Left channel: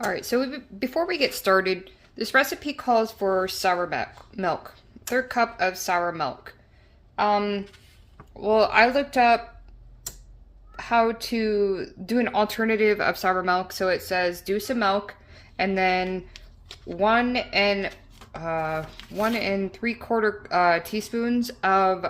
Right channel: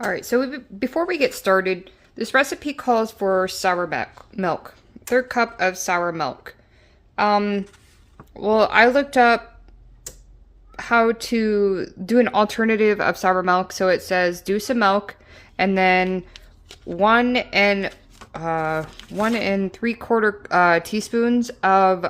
All right, so before we get started, this recipe calls for sour milk, third cup of sour milk. Um, well, I looked up how to do an alternative of sour milk. So it says do some milk and then one and 1 3/4 teaspoons of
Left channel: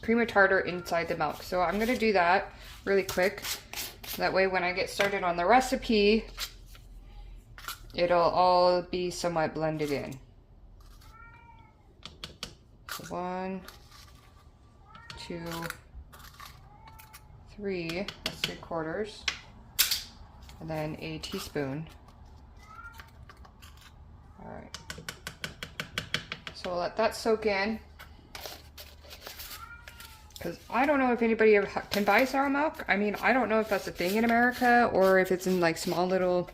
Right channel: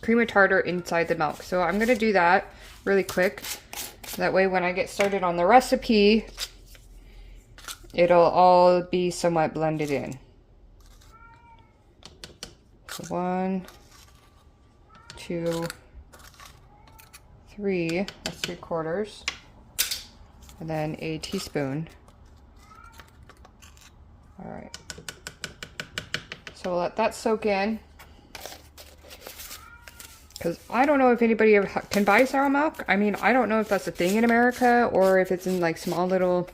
cream of tartar inside the milk. So I'm gonna do that really quick. That way when I get started on the recipe, it'll all be somewhat blended in. So 1, 2, 3, that's 3/4, and then a teaspoon. All right, so we'll let that soak in, because I don't know if anybody ever can buy sour milk. I mean, I don't know if that's a thing in America or if it's in like small little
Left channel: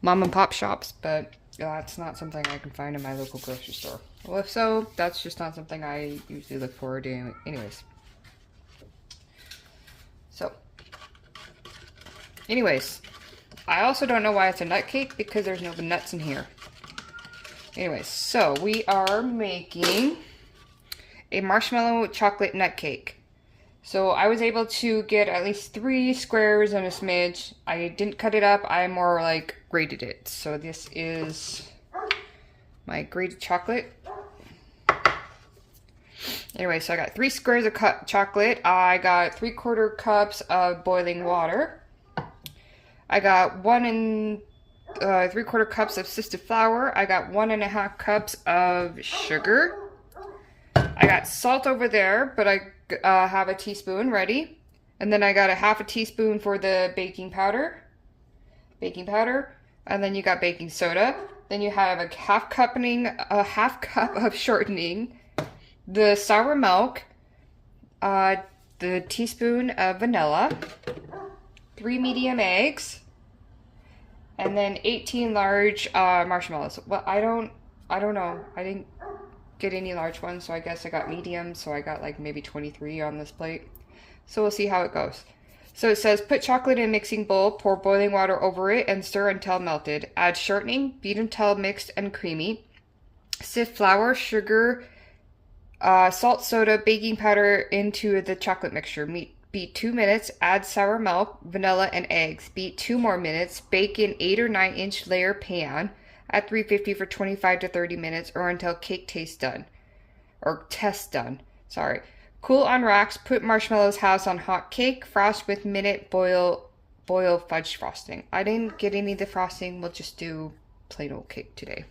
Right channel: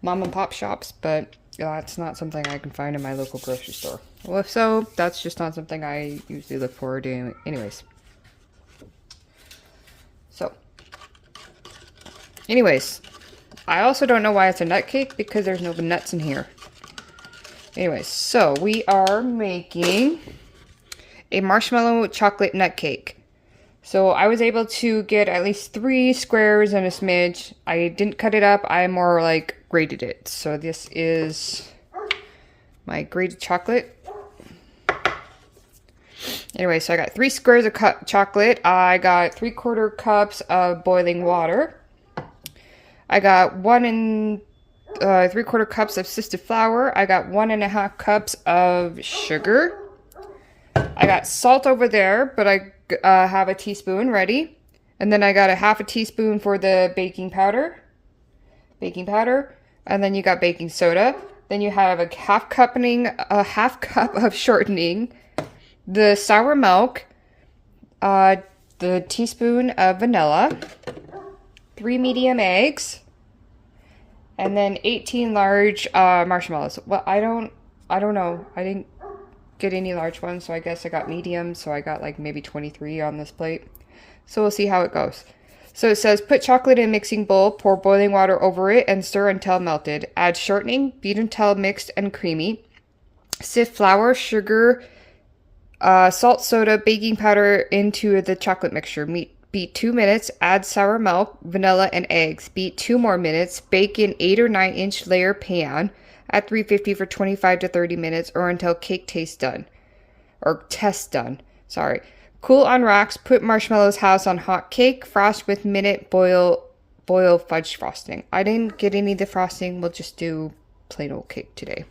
mom and pop shops, but it's not something I can find in my local grocery store. Well, if so, that's just not something I usually look forward to anyways. So, anyways, I also don't know why it's a nut cake, because there's no nuts in here. Anyways, so we are making a marshmallow chocolate nut cake. So I was able to get at least 3 squares and a smidge. I didn't cut it up, I more like grated it. So this is my grated chocolate. Anyway, so I got 3 squares of chocolate. I got 3/4 cups of boiling water. I got 1 3/4 cups of sifted flour. I got 1 1/2 cups of sugar. I got salt over there, but I have a teaspoon ready. And then I got a 1/2 teaspoon for the baking powder. And then you got baking soda. Then you have a half cup of shortening, the sour milk, the teaspoon of vanilla, 3 medium eggs, and then 18 large marshmallows. Well, I don't know. I didn't get any large ones, so I guess I got medium, so I got like maybe 23 on this plate. So we'll see how it goes. So it says put chocolate in a mixing bowl, pour boiling water over it, and stir until melted. Add shortening, beat until mixed and creamy. Sift flour, sugar, salt, soda, baking powder into the chocolate mixture. Beat 2 minutes, add sour milk, vanilla, and eggs. Beat 2 more minutes, bake in 8 or 9-inch layer pan at 350 for 25 to 30 minutes or until cake test done. Sorry. Cool on rocks, put marshmallows house on hot cake, frost with minute boil fudge frosting. I didn't get any of the frosting, we'll just do plain old cake today.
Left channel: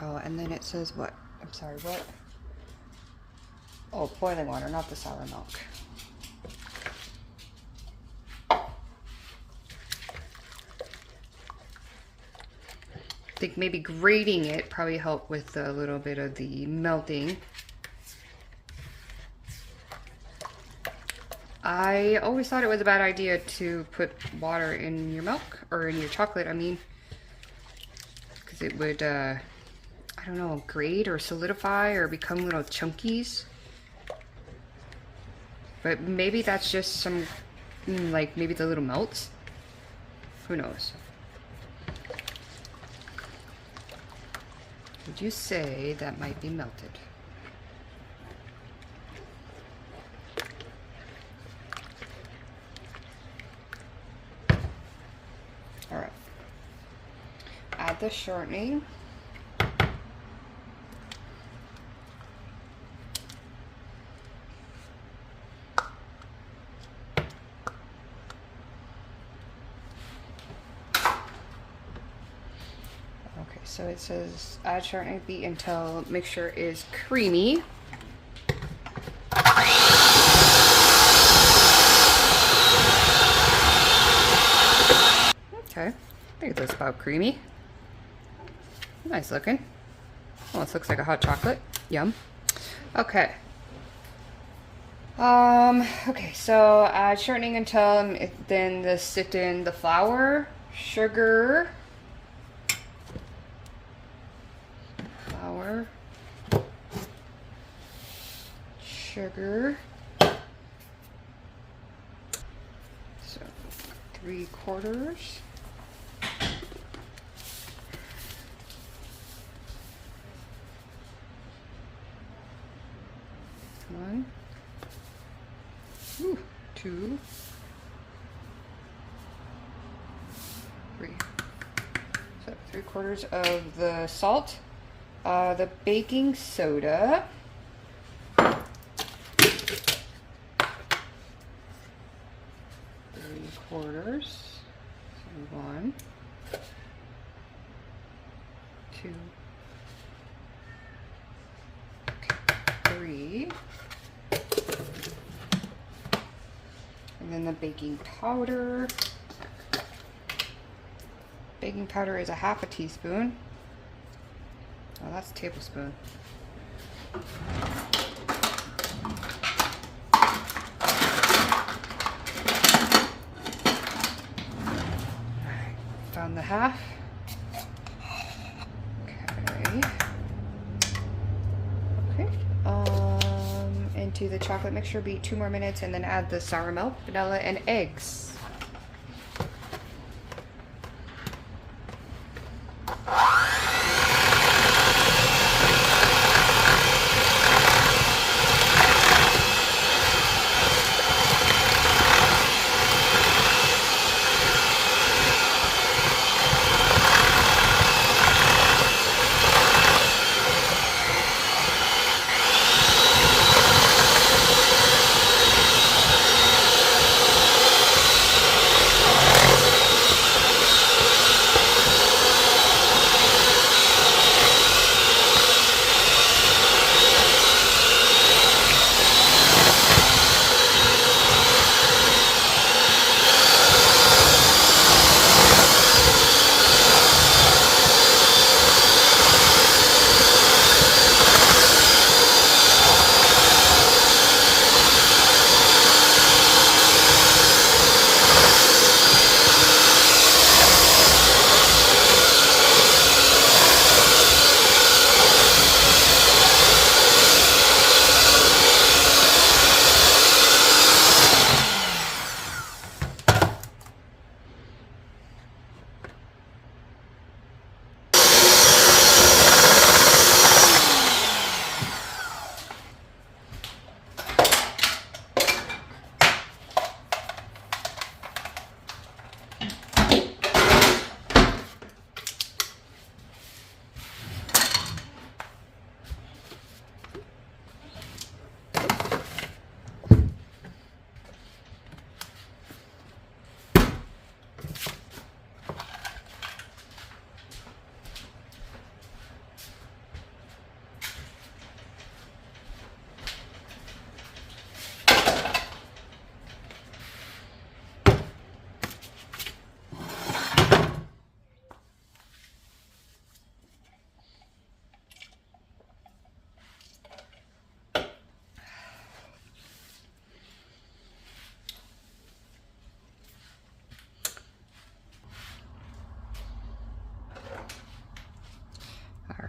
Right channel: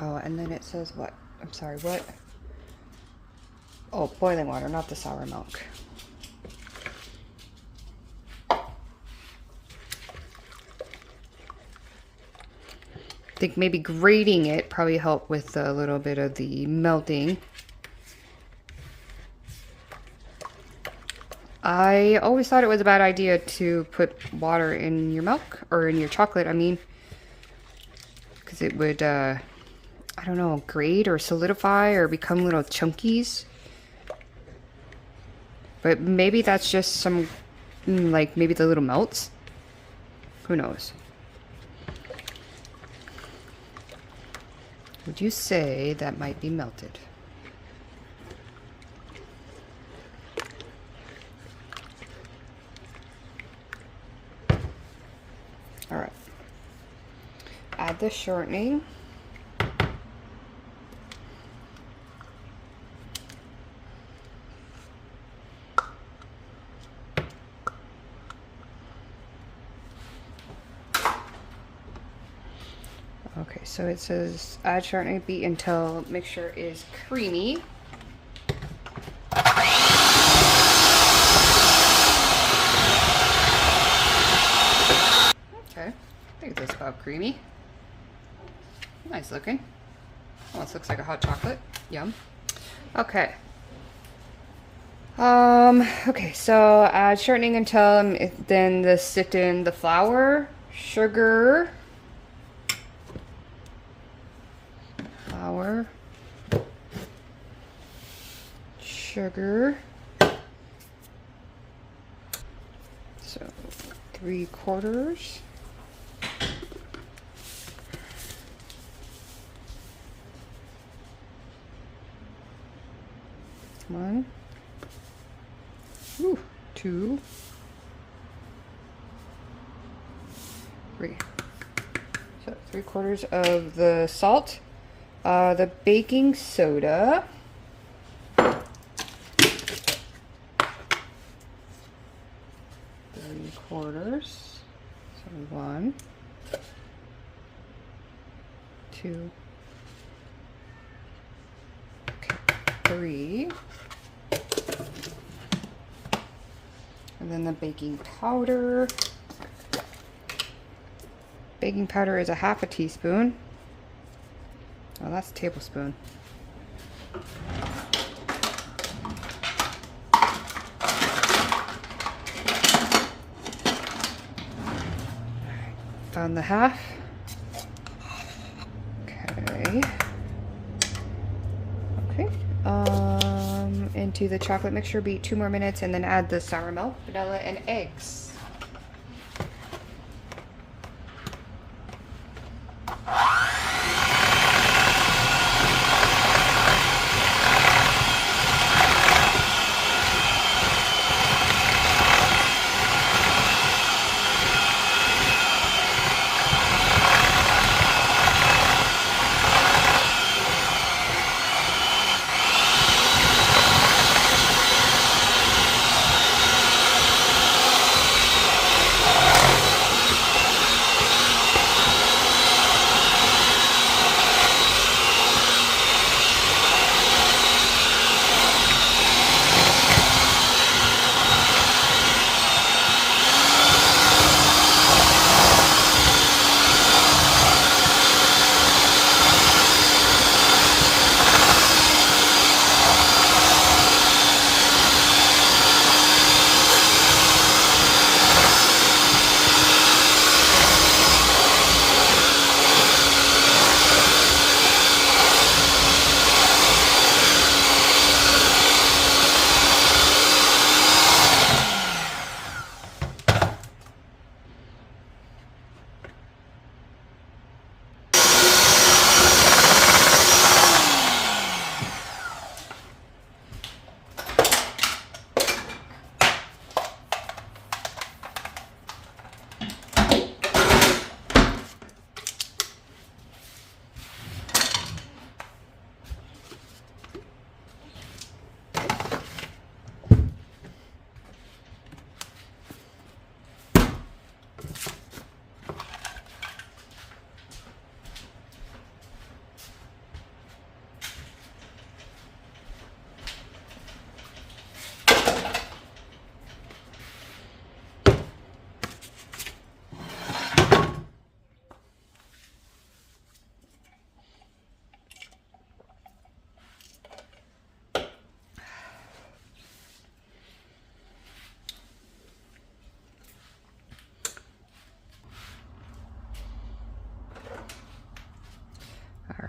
Oh, and then it says what? I'm sorry, what? Oh, boiling water, not the sour milk. I think maybe grating it probably helped with a little bit of the melting. I always thought it was a bad idea to put water in your milk, or in your chocolate, I mean, because it would, I don't know, grate or solidify or become little chunkies. But maybe that's just some, like maybe the little melts. Who knows? Would you say that might be melted? All right. Add the shortening. Okay, so it says add shortening, beat until mixture is creamy. Okay, I think that's about creamy. Nice looking. Well, this looks like a hot chocolate. Yum. Okay. Okay, so add shortening until then sift in the flour, sugar, sugar. So 3/4. One. Ooh, 2. 3. So 3/4 of the salt. The baking soda. 3/4. So 1, 2, okay, 3. And then the baking powder. Baking powder is a 1/2 teaspoon. Oh, that's a tablespoon. Found the 1/2. Okay. Okay. Into the chocolate mixture, beat 2 more minutes, and then add the sour milk, vanilla, and eggs.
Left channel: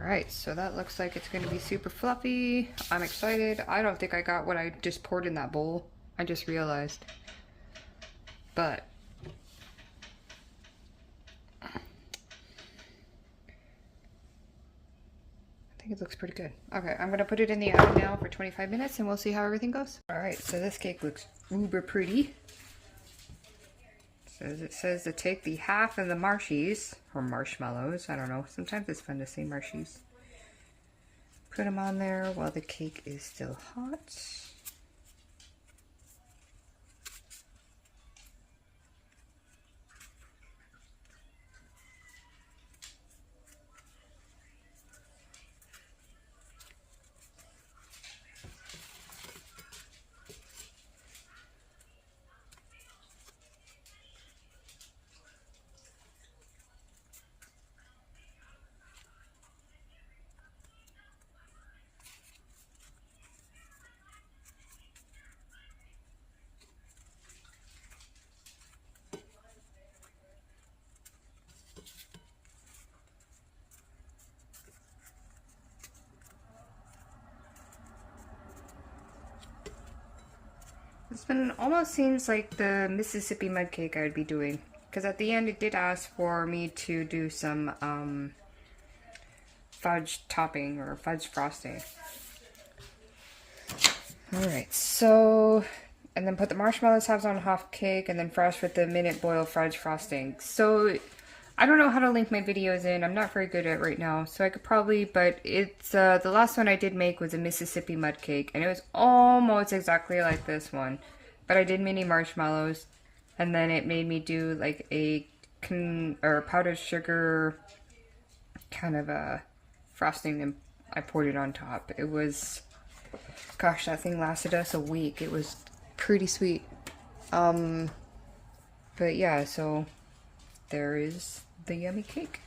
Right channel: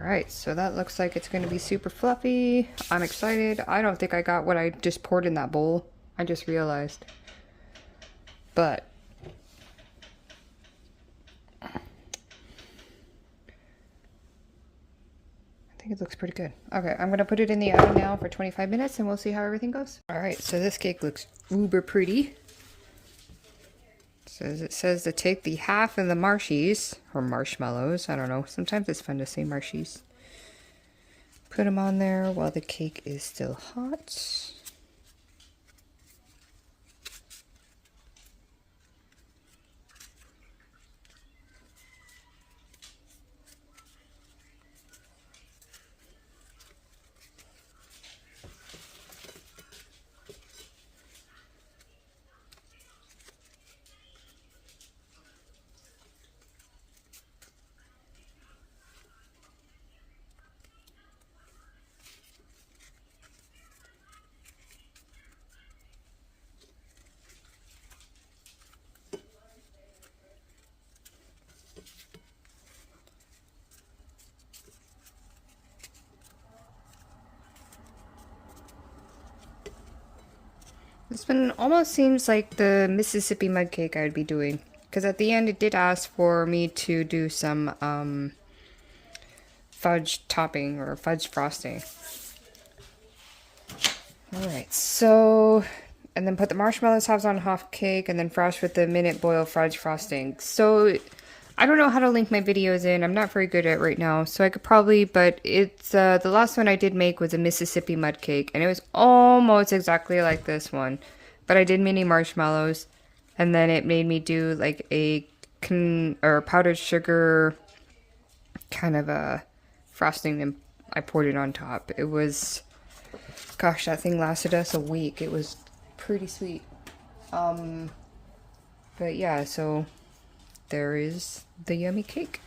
Alright, so that looks like it's going to be super fluffy. I'm excited. I don't think I got what I just poured in that bowl. I just realized. But I think it looks pretty good. Okay, I'm going to put it in the oven now for 25 minutes and we'll see how everything goes. Alright, so this cake looks uber pretty. So it says to take the 1/2 of the marshies, or marshmallows, I don't know. Sometimes it's fun to say marshies. Put them on there while the cake is still hot. This one almost seems like the Mississippi mud cake I would be doing. Because at the end it did ask for me to do some fudge topping or fudge frosting. Alright, so, and then put the marshmallow tops on half cake and then frost with the minute boil fudge frosting. So, I don't know how to link my videos in. I'm not very good at it right now. So I could probably, but it's, the last one I did make was a Mississippi mud cake. And it was almost exactly like this one. But I did mini marshmallows. And then it made me do like a, powdered sugar kind of a frosting and I poured it on top. It was, gosh, that thing lasted us a week. It was pretty sweet. But yeah, so there is the yummy cake.